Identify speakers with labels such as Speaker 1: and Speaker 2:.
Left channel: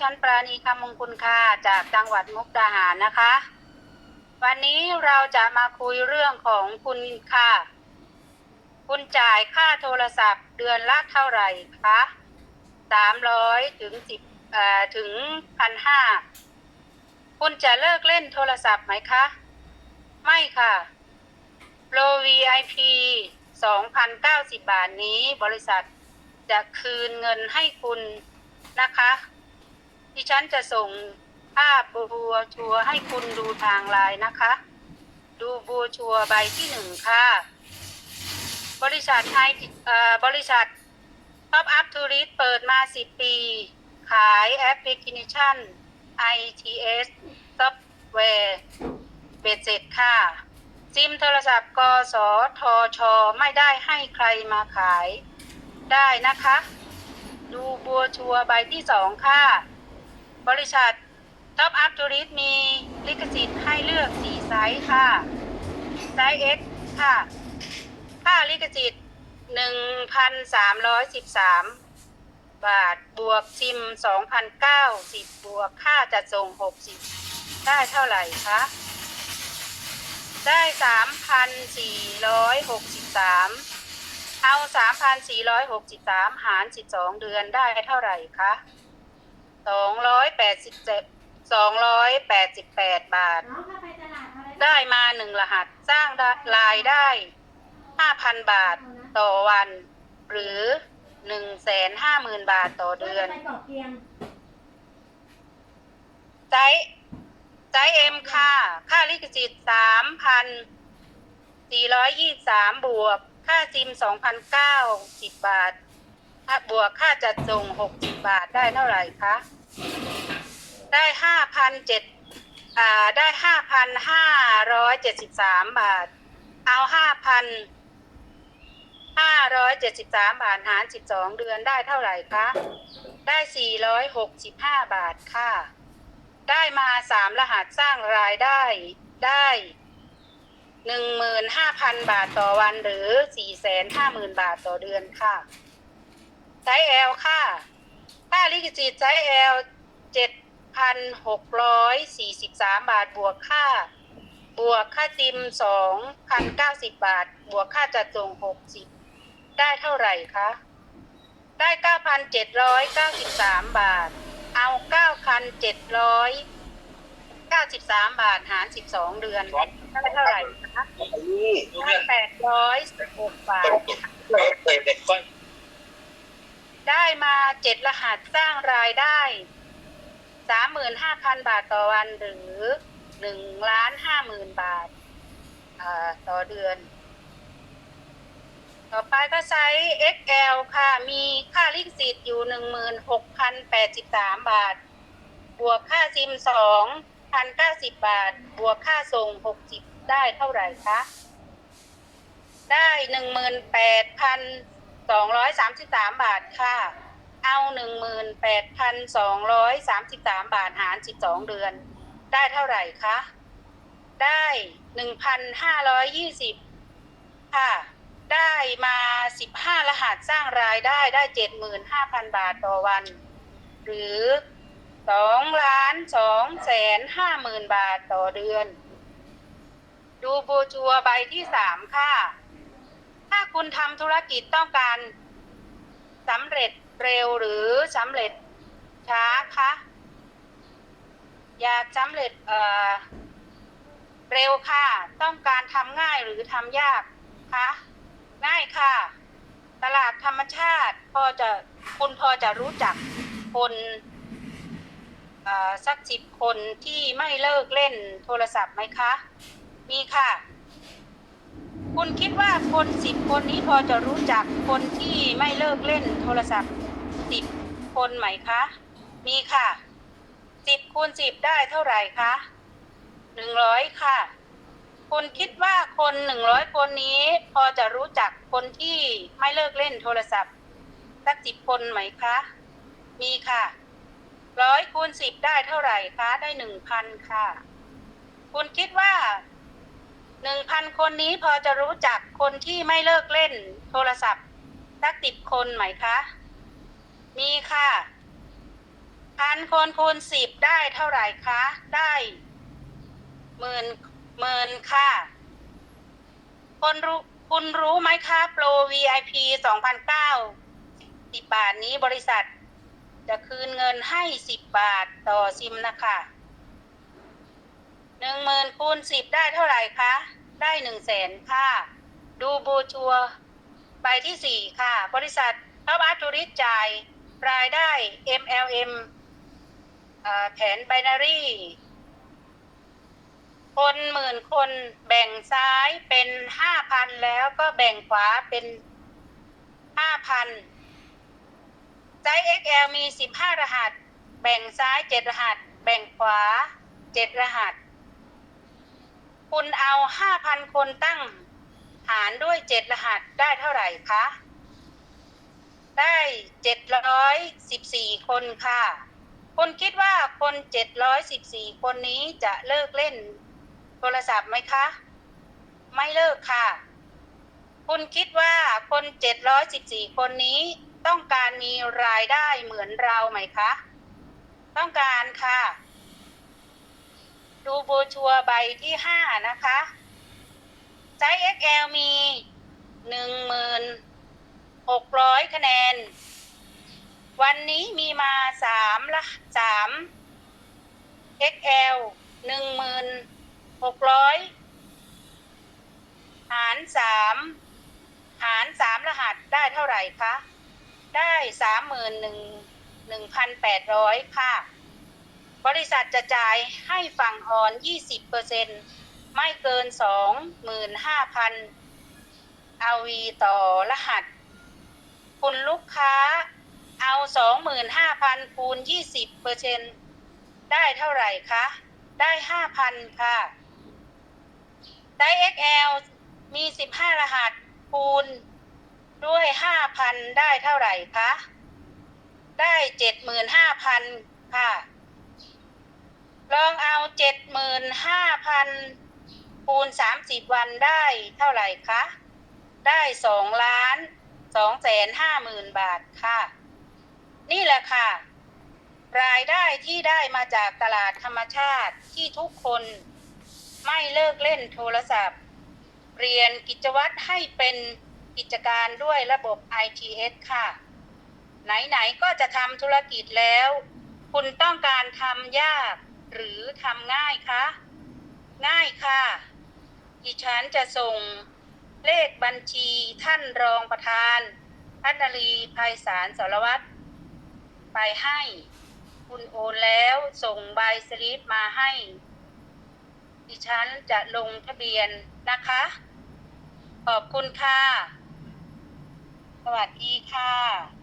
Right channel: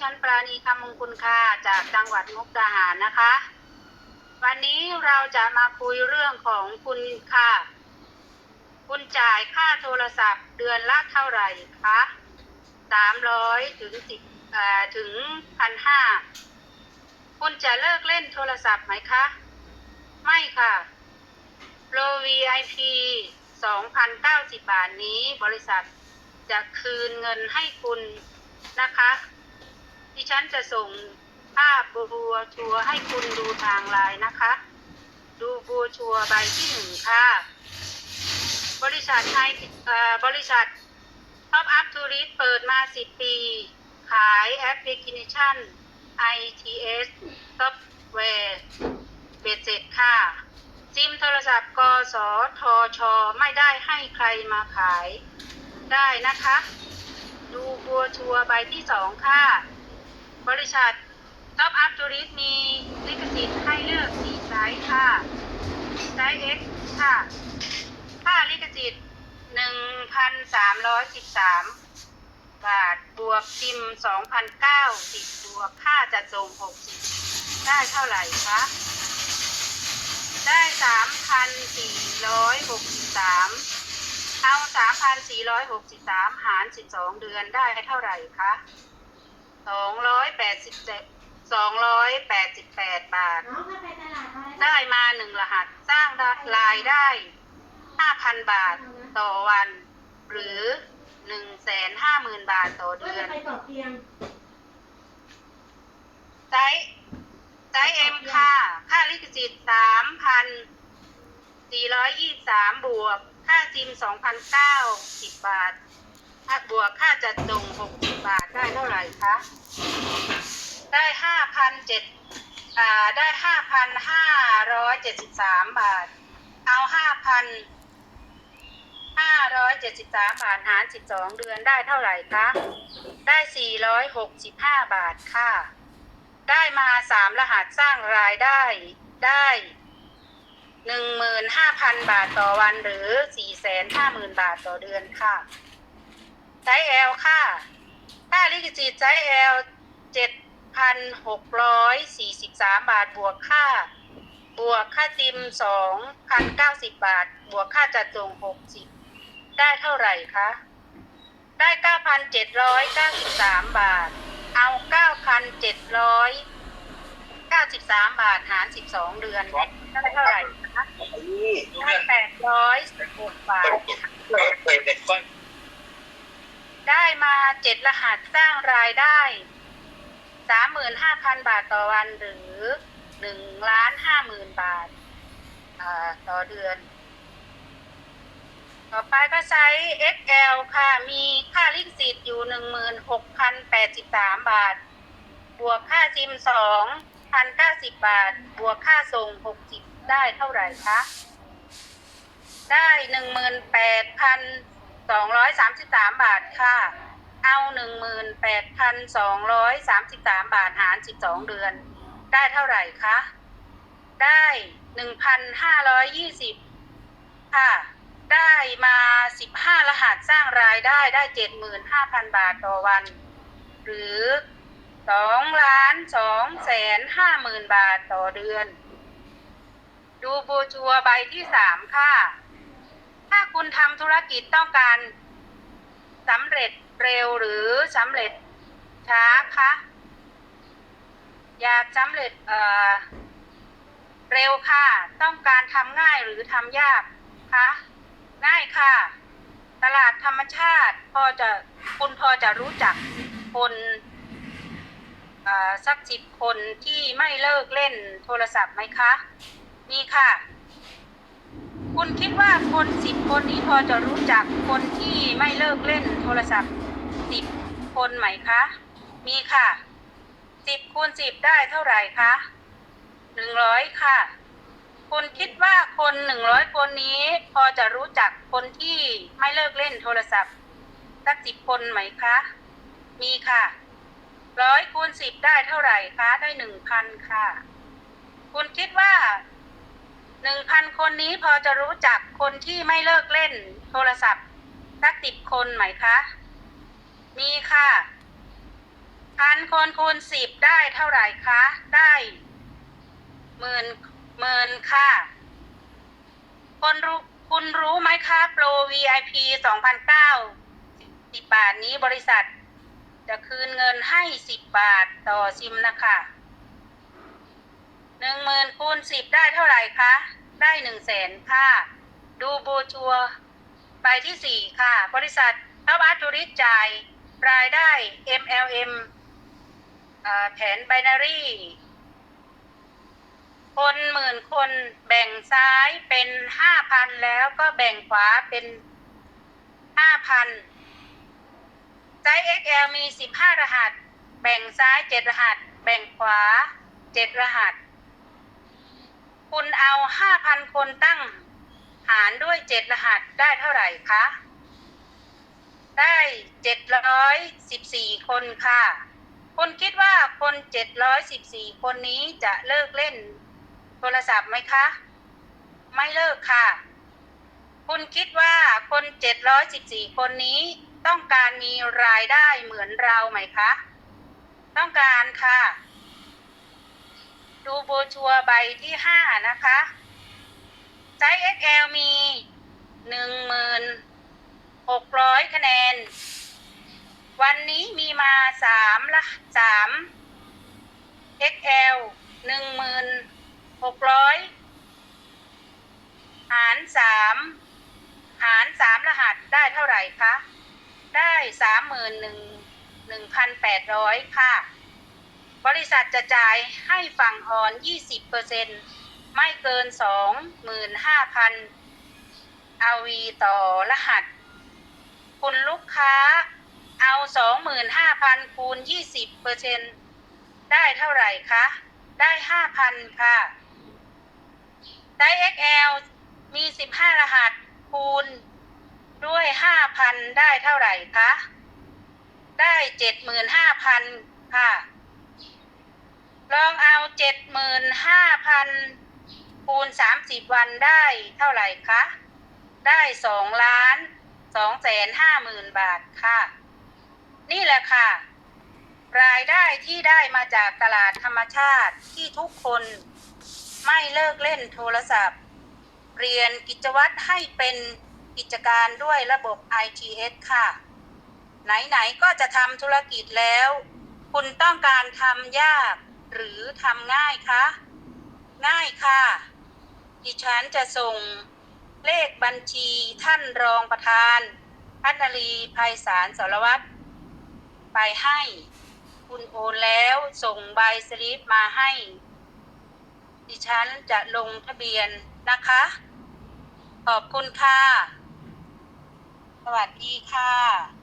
Speaker 1: ชั้นปราณีคำมงคุณค่ะจากจังหวัดมุกดาหารนะคะ วันนี้เราจะมาคุยเรื่องของคุณค่ะ คุณจ่ายค่าโทรศัพท์เดือนละเท่าไหร่คะสามร้อยถึงสิบเอ่อถึงพันห้าคุณจะเลิกเล่นโทรศัพท์ไหมคะ ไม่ค่ะโปร VIP 2,090 บาทนี้บริษัทจะคืนเงินให้คุณนะคะ ดิฉันจะส่งภาพบัวชัวให้คุณดูทางไลน์นะคะ ดูบัวชัวใบที่หนึ่งค่ะ บริษัทไทยบริษัท Top Up Tourist เปิดมา10ปี ขายแอปพลิเคชัน ITS ซอฟต์แวร์เบ็ดเสร็จค่ะ ซิมโทรศัพท์กสทช ไม่ได้ให้ใครมาขายได้นะคะ ดูบัวชัวใบที่สองค่ะ บริษัท Top Up Tourist มีลิขสิทธิ์ให้เลือก4ไซส์ค่ะ ไซส์ X ค่ะ ค่าลิขสิทธิ์1,313บาท บวกซิม2,090บวกค่าจัดส่ง60ได้เท่าไหร่คะ ได้3,463เอา3,463หาร12เดือนได้เท่าไหร่คะ 287 288บาท
Speaker 2: น้องถ้าไปตลาดอะไร
Speaker 1: ได้มาหนึ่งรหัสสร้างรายได้5,000บาทต่อวัน หรือ150,000บาทต่อ
Speaker 2: ก็
Speaker 1: เดือ
Speaker 2: จะ
Speaker 1: น
Speaker 2: ไปเกาะเกียง
Speaker 1: ไซส์ไซส์เอ็มค่ะ ค่าลิขสิทธิ์3,423บวก ค่าซิม2,090บาท ค่าบวกค่าจัดส่ง60บาทได้เท่าไหร่คะ ได้5,007อ่าได้5,573บาท เอา5,000 573บาทหาร12เดือนได้เท่าไหร่คะ ได้465บาทค่ะ ได้มา3รหัสสร้างรายได้ได้15,000บาทต่อวันหรือ450,000บาทต่อเดือนค่ะ ไซส์ L ค่ะค่าลิขสิทธิ์ไซส์ L 7,643บาทบวกค่า บวกค่าซิม2,090บาท บวกค่าจัดส่ง60ได้เท่าไหร่คะ ได้9,793บาท เอา9,793บาทหาร12เดือนได้เท่าไหร่คะได้816บาท ได้มาเจ็ดรหัสสร้างรายได้35,000บาทต่อวันหรือ1ล้าน50,000บาทต่อเดือน ต่อไปก็ใช้ XL ค่ะ มีค่าลิขสิทธิ์อยู่16,083บาท บวกค่าซิม2,090บาท บวกค่าส่ง60ได้เท่าไหร่คะ ได้ สองร้อยสามสิบสามบาทค่ะ เอาหนึ่งหมื่นแปดพันสองร้อยสามสิบสามบาทหารสิบสองเดือน ได้เท่าไหร่คะ ได้หนึ่งพันห้าร้อยยี่สิบค่ะ ได้มาสิบห้ารหัสสร้างรายได้ได้เจ็ดหมื่นห้าพันบาทต่อวัน หรือสองล้านสองแสนห้าหมื่นบาทต่อเดือน ดูโบจัวใบที่สามค่ะ ถ้าคุณทำธุรกิจต้องการสำเร็จเร็วหรือสำเร็จช้าคะอยากสำเร็จเอ่อเร็วค่ะ ต้องการทำง่ายหรือทำยากคะง่ายค่ะ ตลาดธรรมชาติพอจะคุณพอจะรู้จักคนสักสิบคนที่ไม่เลิกเล่นโทรศัพท์ไหมคะ มีค่ะ คุณคิดว่าคนสิบคนนี้พอจะรู้จักคนที่ไม่เลิกเล่นโทรศัพท์สิบคนไหมคะ มีค่ะสิบคูณสิบได้เท่าไหร่คะหนึ่งร้อยค่ะ คุณคิดว่าคนหนึ่งร้อยคนนี้ พอจะรู้จักคนที่ไม่เลิกเล่นโทรศัพท์สักสิบคนไหมคะ มีค่ะร้อยคูณสิบได้เท่าไหร่คะ ได้หนึ่งพันค่ะ คุณคิดว่า หนึ่งพันคนนี้พอจะรู้จักคนที่ไม่เลิกเล่นโทรศัพท์สักสิบคนไหมคะ มีค่ะ พันคนคูณสิบได้เท่าไหร่คะ ได้หมื่นหมื่นค่ะ คนรู้คุณรู้ไหมคะโปร VIP 2,009สิบบาทนี้บริษัท จะคืนเงินให้สิบบาทต่อซิมนะคะ หนึ่งหมื่นคูณสิบได้เท่าไหร่คะ ได้หนึ่งแสนค่ะ ดูโบชัวใบที่สี่ค่ะ บริษัทท็อปอาร์ตูริสจ่ายรายได้ MLM เอ่อแผนไบนารีคนหมื่นคนแบ่งซ้ายเป็นห้าพันแล้วก็แบ่งขวาเป็นห้าพันไซส์ XL มีสิบห้ารหัส แบ่งซ้ายเจ็ดรหัส แบ่งขวาเจ็ดรหัส คุณเอาห้าพันคนตั้งหารด้วยเจ็ดรหัสได้เท่าไหร่คะ ได้เจ็ดร้อยสิบสี่คนค่ะคุณคิดว่าคนเจ็ดร้อยสิบสี่คนนี้จะเลิกเล่นโทรศัพท์ไหมคะ ไม่เลิกค่ะ คุณคิดว่าคนเจ็ดร้อยสิบสี่คนนี้ต้องการมีรายได้เหมือนเราไหมคะ ต้องการค่ะ ดูโบชัวร์ใบที่ห้านะคะ ไซส์ XL มีหนึ่งหมื่นหกร้อยคะแนน วันนี้มีมาสามละสาม XL หนึ่งหมื่นหกร้อยหารสามหารสามรหัสได้เท่าไหร่คะ ได้สามหมื่นหนึ่งหนึ่งพันแปดร้อยค่ะ บริษัทจะจ่ายให้ฝั่งออนยี่อร์เซ็นไม่เกินสองหมื่นห้าพันอาวีต่อรหัส คุณลูกค้าเอาสองหมื่นห้าพันคูณยี่สิบเปอร์เซ็นได้เท่าไหร่คะ ได้ห้าพันค่ะไซส์ XL มีสิบห้ารหัส คูณ ด้วยห้าพันได้เท่าไหร่คะ ได้เจ็ดหมื่นห้าพันค่ะ ลองเอาเจ็ดหมื่นห้าพันคูณสามสิบวันได้เท่าไหร่คะ ได้สองล้านสองแสนห้าหมื่นบาทค่ะ นี่แหละค่ะ รายได้ที่ได้มาจากตลาดธรรมชาติที่ทุกคนไม่เลิกเล่นโทรศัพท์ เรียนกิจวัตรให้เป็นกิจการด้วยระบบ ITS ค่ะ ไหน ๆ ก็จะทำธุรกิจแล้ว คุณต้องการทำยาก หรือทำง่ายคะ ง่ายค่ะ ดิฉันจะส่งเลขบัญชีท่านรองประธานพัฒนรีภัยสารสารวัตรไปให้ คุณโอนแล้วส่งใบสลิปมาให้ ดิฉันจะลงทะเบียนนะคะ ขอบคุณค่ะ สวัสดีค่ะ